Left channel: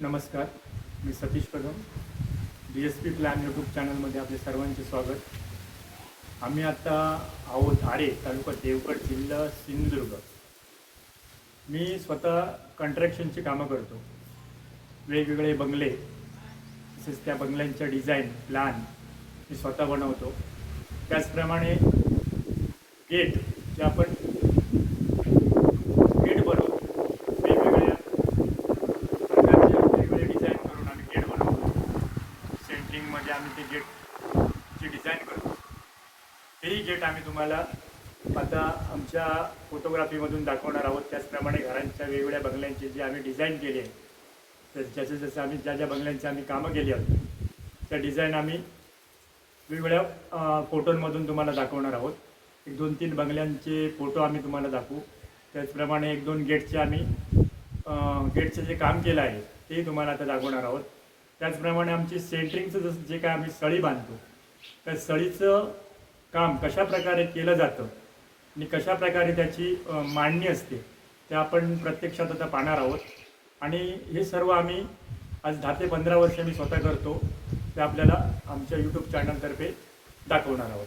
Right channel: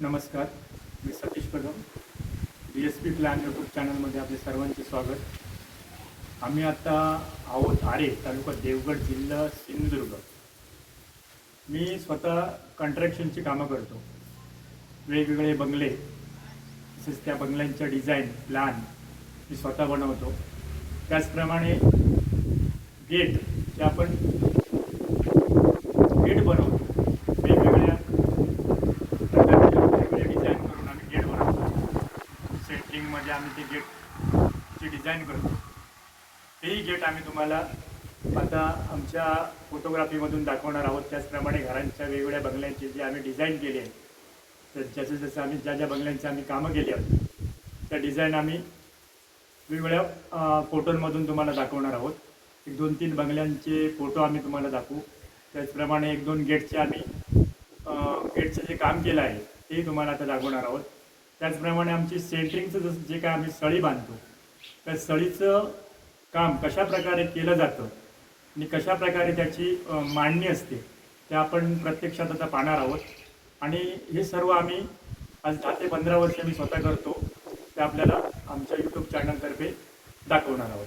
नमस्कार मी Satish Kadam. D S P plan YouTube चॅनलमध्ये आपले सर्वांचे स्वागत. आम्ही आता आहोत आरे तालुका देवगड जिल्हा सिंधुदुर्ग. मी स्वतः कंट्रॅक्शनची कामं करतो. वेगवेगळे बंगले तसेच त्या बंगल्यांच्या डिझाईन प्लॅन मी स्वतः बनवतो. त्याचप्रमाणे गेट जे आपण गेट बनवतो वेगवेगळ्या प्रकारचे वेगवेगळे डिझाईन करून आम्ही गेट बनवतो मध्ये आम्ही ते गेटची डिझाईन करतो. तेही गेट आम्ही तुम्हाला आता आमच्या फोटोग्राफीमधून दाखवणार आहोत. त्याचप्रमाणे घरांच्या वेगवेगळ्या बंगल्यांची जी आम्ही डिझाईन केली आहे तर जसं जसं आम्ही ज्या ज्या बंगल्यांची आम्ही कामं केली आहोत त्या डिझाईन आम्ही वेगवेगळ्या फोटोंमधून तुम्हाला दाखवणार आहोत. एक दोन तीन बंगल्यांचे फोटो आम्ही तुम्हाला दाखवू. त्याचप्रमाणे एक दोन गेटचे आम्ही गेटचं गेटचे जे काम केलं आहे तेही तुम्हाला आता दाखवणार आहोत. त्याचप्रमाणे आमची सेंटरिंगचं जसं जे काय आम्ही सळी बांधतो त्या सळीचं काम कशा प्रकारे केलं जातं आणि कशा प्रकारे त्याची मांडणी असते ते आपण प्रत्यक्षात आता पाहणार आहोत. आणि हे सर्व आम्ही आज दहा ते पंधरा वर्ष मी स्वतः करतो ते आपल्याला आमच्या यूट्यूब चॅनलतर्फे दाखवणार आहोत.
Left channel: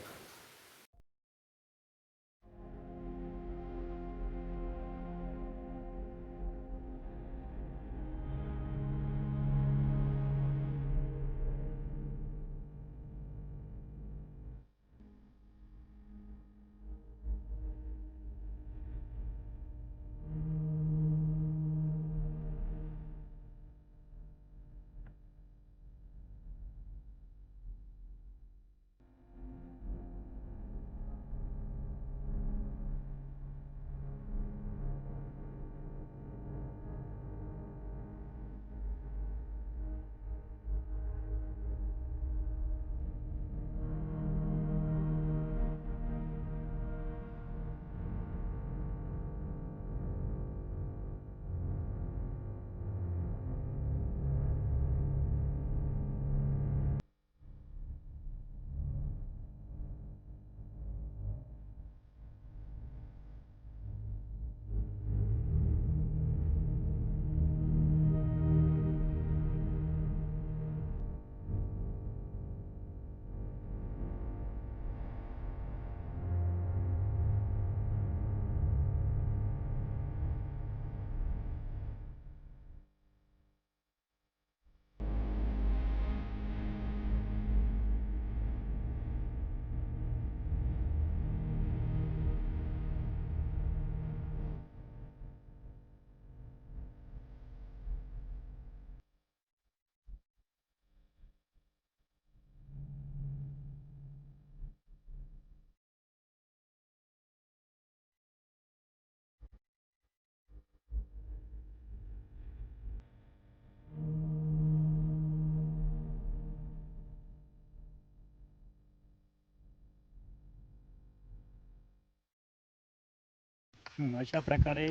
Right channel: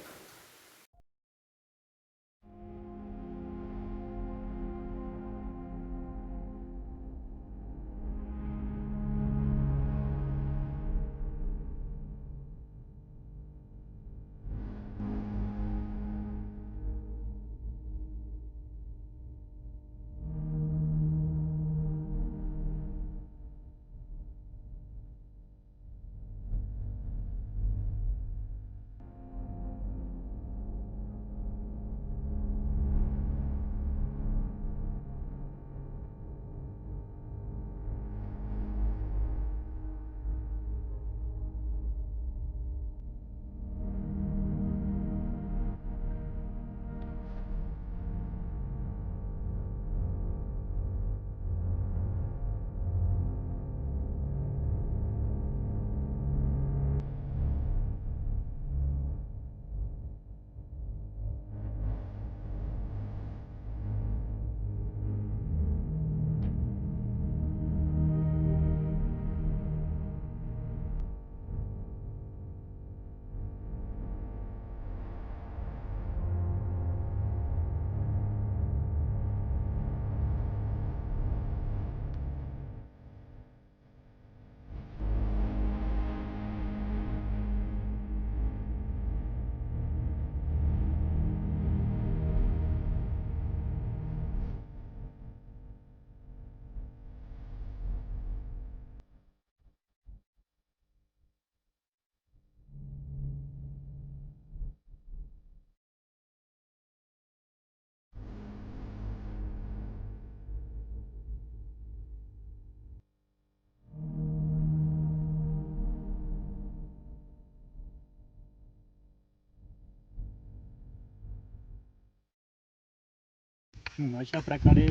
अशा प्रकारे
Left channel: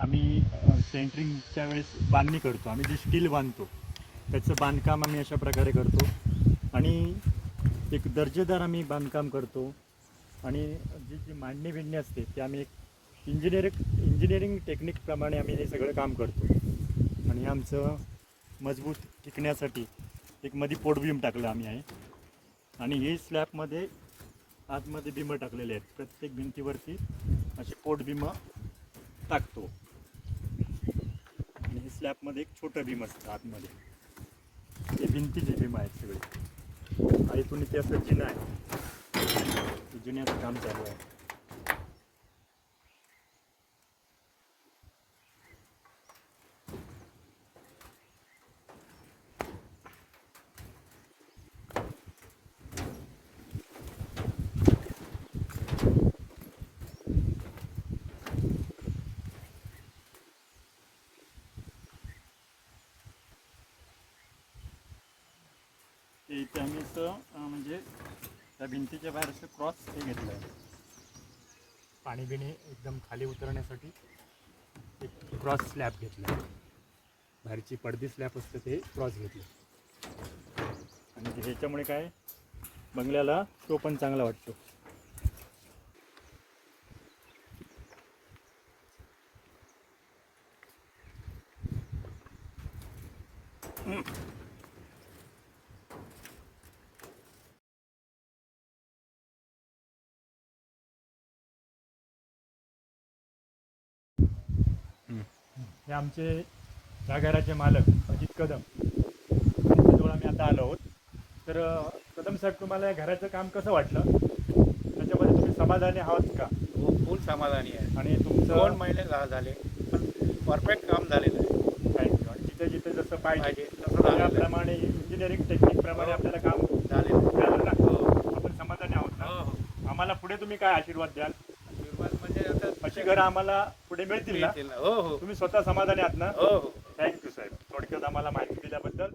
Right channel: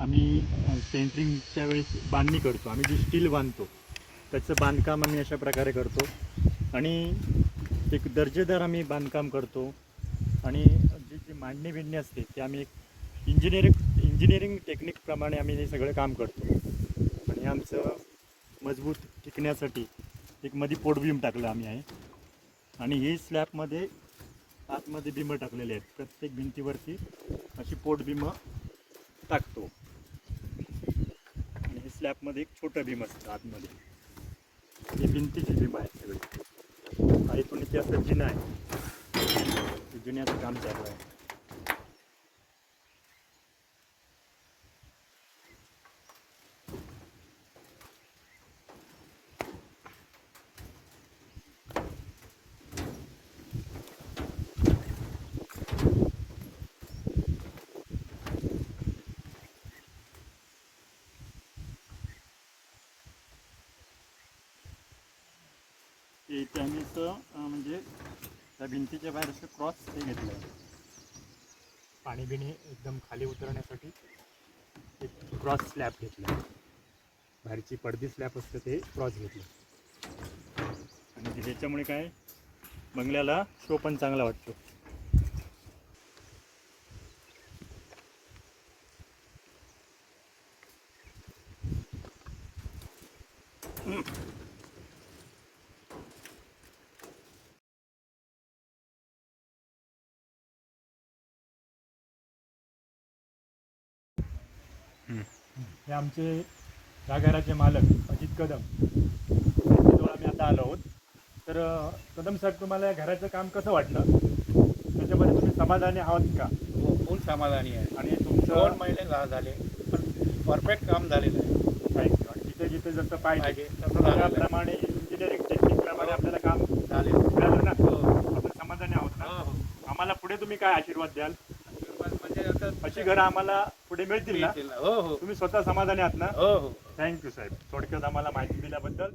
आम्ही सेंटरिंगच्या वेळेस बांधणी करतो. आम्ही जे स्टील बांधतो त्याचं बांधकाम आम्ही अशा प्रकारे करतो. आणि एक दर्जेदार आम्ही बांधकाम करतो. आणि जी जी मांडणी बिंडणी असते ते आम्ही एक इंजिनिअरिंग इंजिनिअरिंग टेक्निकप्रमाणे आम्ही हे सगळं काम करतो. आणि आमचं मजबूत टिकण्यासाठी एक मध्ये पोटबीम टाकलं आम्ही आहे. आणि हे स्लॅबमध्ये आतमध्ये बिंब टाकलेले आहेत. प्रत्येक भिंतीवरती अशी पोट बिंब टाकतो. आणि हे स्लॅबमध्ये एक छोटं भीम असतं आतमध्ये. हे भिंतीची भीम आहेत सगळी. आणि इथून इथे असं जिना आहे. ते काम चालू आहे ते अं, म्हणजे त्या भिंतीच्या बाहेर असं क्रॉस हे घेतलं आहे पाणी बिणी एकदम खाली उतरण्यासाठी एक क्रॉस स्लॅब घेतला बाहेरची पडदी स्लॅब असतं ते क्रॉस घेतलं म्हणजे ह्याच्यामुळे काय? बंगल्याला शो पण चांगला वाटतो. हे आमचे या घराचे मालक अजित कदम. यांच्याजवळ आम्ही आता आलो आहोत. तर कदम साहेब तुम्हाला या घराचं काम कसं वाटलं? त्याच्यामध्ये तुम्ही समाधानी आहात का? हो फुल समाधानी आहे. आणि दोन तुमचं महिने झा- झाले पण परफेक्ट काम झालेलं आहे. जिथे जिथे जसं पाहिजे तसं त्याप्रमाणे इंजिनिअरिंग टेक्निक प्रमाणे आपल्याला काम झालेलं हो. आपण समाधानी आहोत हो, हो. आम्हाला पुढे तुम्ही काय आशीर्वाद द्याल? अशी घरं आम्हाला पुढे मिळतील ना? हो हो. तुम्ही स्वतः समाधानी आहात ना? हो हो. थँक्यू साहेब थोडक्यात आम्हाला माहिती दिल्याबद्दल